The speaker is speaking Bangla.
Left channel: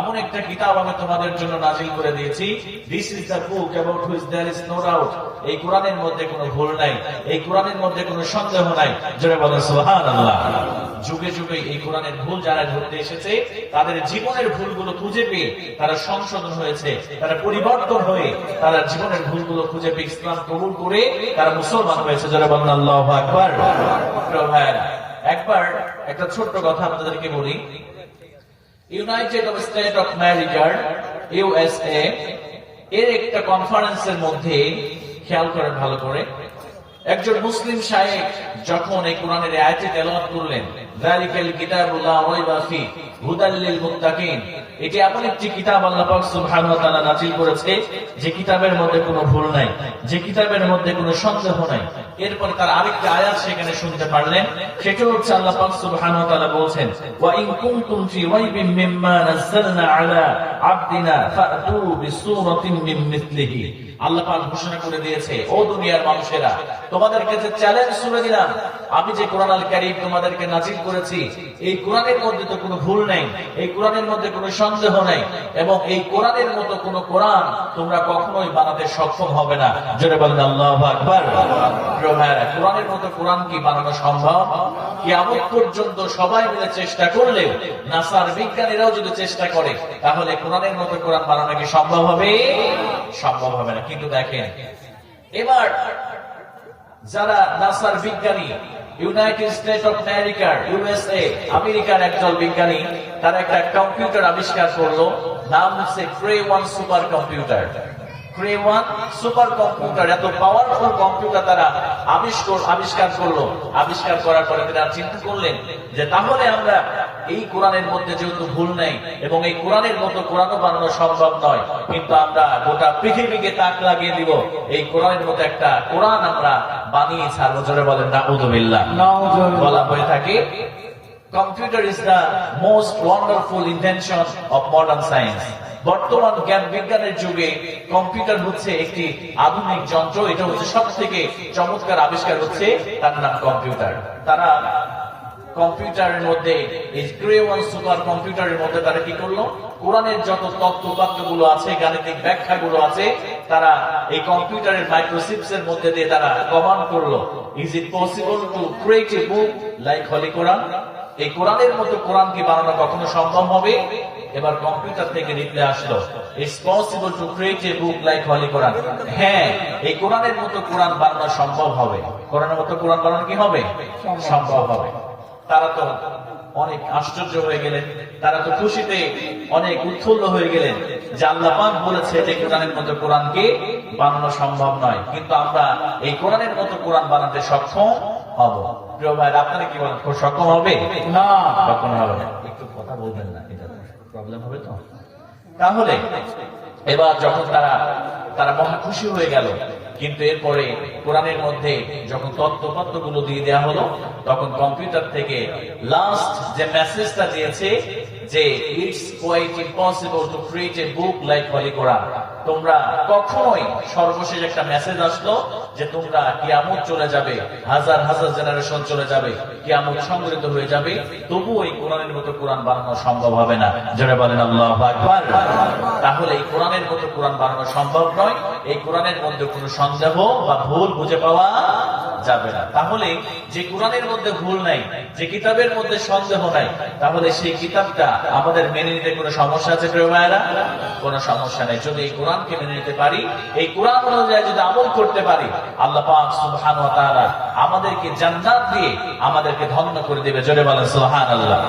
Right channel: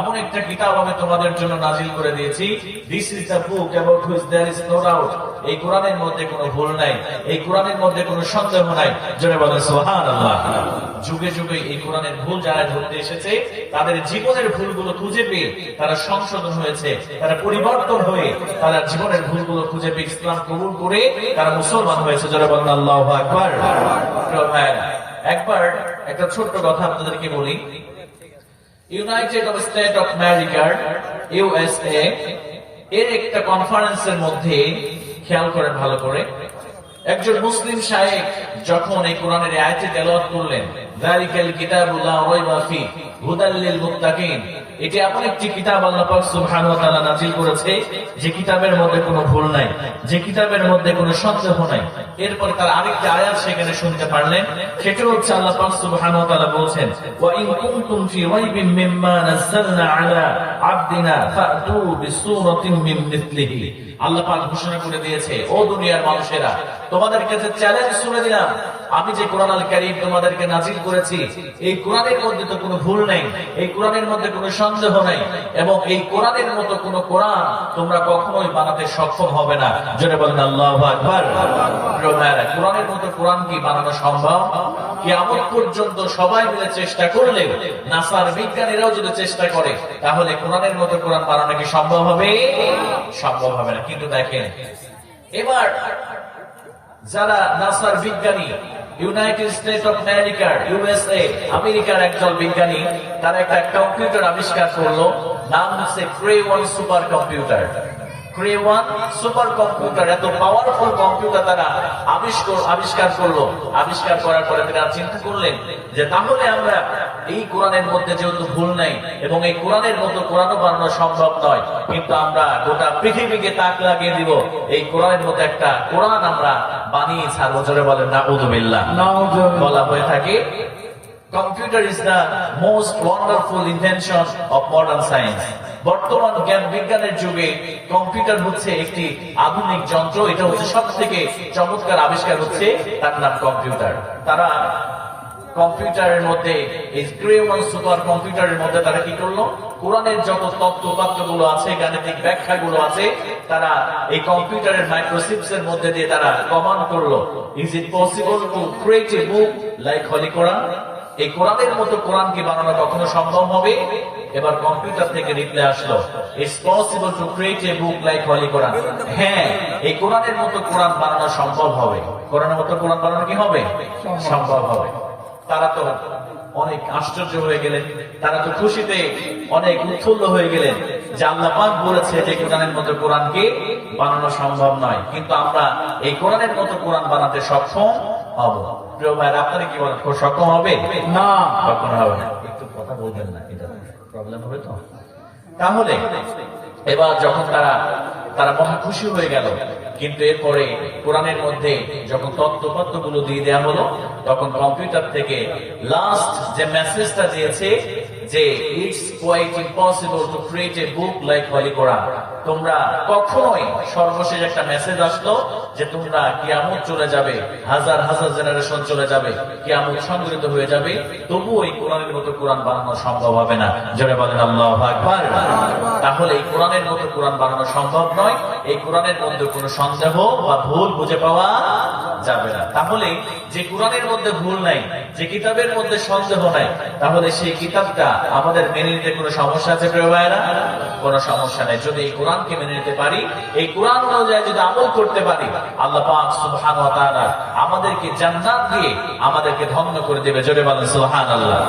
এমন একটা কিতাব আমি তোমাদের জন্য নাজিল করে দিয়েছি। This is the book about which there is no doubt. এই কোরআনের মধ্যে কোনো ভুল নাই, এই কোরআনের মধ্যে কোনো সন্দেহ নাই। জোরে বলেন সুবহানাল্লাহ। যুগে যুগে এই কোরআনের ভুল যারা ধরতে এসেছে, তাদের জীবনের ভুলগুলো খুঁজে পেয়ে তারা সংশোধন হয়েছে, তারা পরিবর্তন হয়ে তারা জীবনের ভুলগুলো খুঁজে পেয়ে ইসলাম কবুল করে তারা মুসলমান হয়েছে। জোরে বলেন আল্লাহু আকবার। একবার একটা ছোট্ট কথা আপনাদেরকে বলি। ইউনাইটেড স্টেট অফ আমেরিকার USA এর একটা কনফারেন্সের মধ্যে খেয়াল করেন ভালো করে, একজন মুসলিম শায়েখ যখন এই কোরআনের আয়াতটি তেলাওয়াত করলেন, যালিকাল কিতাবু লা রাইবা ফি হুদাল লিল মুত্তাকিন, এটি এমন একটি কিতাব আল্লাহ পাক সুবহানাহু ওয়া তাআলা নাযিল করেছে যে কিতাবের মধ্যে কোনো ভুল নাই, যে কিতাবের মধ্যে কোনো সন্দেহ নাই। এরপর তার আরেকটা আয়াত সেখানে শুনতে পারলেন, সেটা হচ্ছে আল্লাহ পাক সুবহানাহু ওয়া তাআলা বলেন, ওয়া ইন কুনতুম ফি রাইবিন মিম্মা নাযালনা আলা আবদিনা ফাতু বিসূরাতিন মিন মিসলিহি। আল্লাহ পাক ঘোষণা করে দিয়েছে, ও দুনিয়ার মানুষেরা, তোমাদেরকে যে চ্যালেঞ্জ শুনে দিলাম, আমি যে কোরআন আল কারীম তোমাদেরকে নাযিল করেছি, এই কোরআনের মধ্যে তো কোনো ভুল নাই, এই কোরআনের মধ্যে কোনো সন্দেহ নাই, এবং এই কোরআনের মতো কোনো কোরআন তোমরা কখনোই বানাতে সক্ষম হবে না। জোরে বলেন আল্লাহু আকবার। কোরআনের মতো কোরআন কি বানানো সম্ভব? কিয়ামত পর্যন্ত সবাই মিলে চেষ্টা করলে, নাসার বিজ্ঞানীরাও যদি চেষ্টা করে, তাহলে কোরআনের মতো কোরআন বানানো কি সম্ভব হবে? সম্ভব হবে না। কিন্তু দেখেন, এবার যারা নাসার বিজ্ঞানী, ইউনাইটেড স্টেট অফ আমেরিকার USA আমেরিকার একজন বিজ্ঞানী, তারা একটা কম্পিউটার আবিষ্কার করলো, নাম হচ্ছে Cray-1 super computer. Cray-1 super computer, এত পাওয়ারফুল কম্পিউটার তারা আবিষ্কার করলো। আবিষ্কার করার পরে তারা চিন্তা করলেন যে তাহলে আমরা এই কোরআনের মধ্যে যেহেতু ভুল নাই এবং এই কোরআনের মতো কোরআনও বানানো সম্ভব নয়, কিন্তু আমরা গোটা পৃথিবীকে তাক লাগিয়ে দিব, এই কোরআনের মতো একটা কোরআন আমরা বানিয়ে ছাড়বো। জোরে বলেন নাউযুবিল্লাহ। বলা হয়ে থাকে, computer is the most wonderful invention of modern science. বর্তমান জ্ঞান বিজ্ঞানের যুগে কম্পিউটার হচ্ছে একটি আধুনিক যন্ত্র, এটা হচ্ছে সব থেকে চমৎকার আবিষ্কার, হচ্ছে তার নাম কম্পিউটার। তারা কম্পিউটারের মধ্যে, এই Cray-1 সুপার কম্পিউটারের মধ্যে তারা কি করলো, কোরআনের যত তত্ত্বগুলো আছে, গাণিতিক ব্যাখ্যাগুলো আছে, তারা এই কম্পিউটারের মাইক্রোচিপস এর মধ্যে দিয়ে তারা কমান্ড করলো, is it possible to create a book like holy Quran? এই কোরআনের মতো কোরআন কি বানানো কখনো সম্ভব হবে? এবার কম্পিউটার থেকে রিপ্লাই আসলো, it's possible to create a book like holy Quran. হ্যাঁ, এই কোরআনের মতো কোরআন বানানো সম্ভব হবে। কোরআনের মতো কোরআন বানানো কি হবে? সম্ভব হবে। তারা তো অনেক আশ্চর্য হয়ে গেলেন, তারা তো খুশিতে অনেক উৎফুল্ল হয়ে গেলেন যে আল্লাহ পাক বলেছে যে কোরআনের মতো কোরআনকে বানানো সম্ভব নয়, কিন্তু আমরা এই কোরআনের মতো কোরআন বানাতে সক্ষম হব। প্রিয় ভাই, আপনারা কি বলেন, সক্ষম হবে? না, কখনো হবে না। একটু কথা বলবেন না, এটা প্রবলেম হবে তো। তাহলে এবার যখন তারা মহা খুশি হয়ে গেল, কিন্তু এরপরে কোরআনের মধ্যে যখন তত্ত্বগুলো দিয়ে দেওয়া হলো, তখন কম্পিউটার থেকে লাস্ট যে মেসেজটা দিয়েছে যে it's quite impossible to create a book like holy Quran. তোমরা কখনোই, সর্বশেষ একটা মেসেজ আসলো যে তোমরা কিয়ামত চলে যাবে, হাজার হাজার জেনারেশন চলে যাবে, কিয়ামত সংগৃহীত হয়ে যাবে, তবুও এই কোরআনের মতো কোরআন বানানো সম্ভব হবে না। যারা বলেন আল্লাহু আকবার। তাহলে এই কোরআনের মতো কোরআন বানানো সম্ভব নয়, এই কোরআনের মধ্যে কোনো সন্দেহ বা ভুল বুঝে পাওয়া যাবে না। তাহলে যে কোরআনের মধ্যে ভুল নাই, যে কিতাবের মধ্যে সন্দেহ নাই, তাহলে সেই কিতাবটা আমাদের মেনে নিতে কোনো সমস্যা আছে? প্রিয় ভাইয়েরা, কোনো সমস্যা নাই। যদি এই কোরআনকে মেনে নিতে পারি, এই কোরআন অনুযায়ী যদি আমল করতে পারি, আল্লাহ পাক সুবহানাহু ওয়া তাআলা আমাদেরকে জান্নাত দিয়ে আমাদেরকে ধন্য করে দেবে। জোরে বলেন সুবহানাল্লাহ।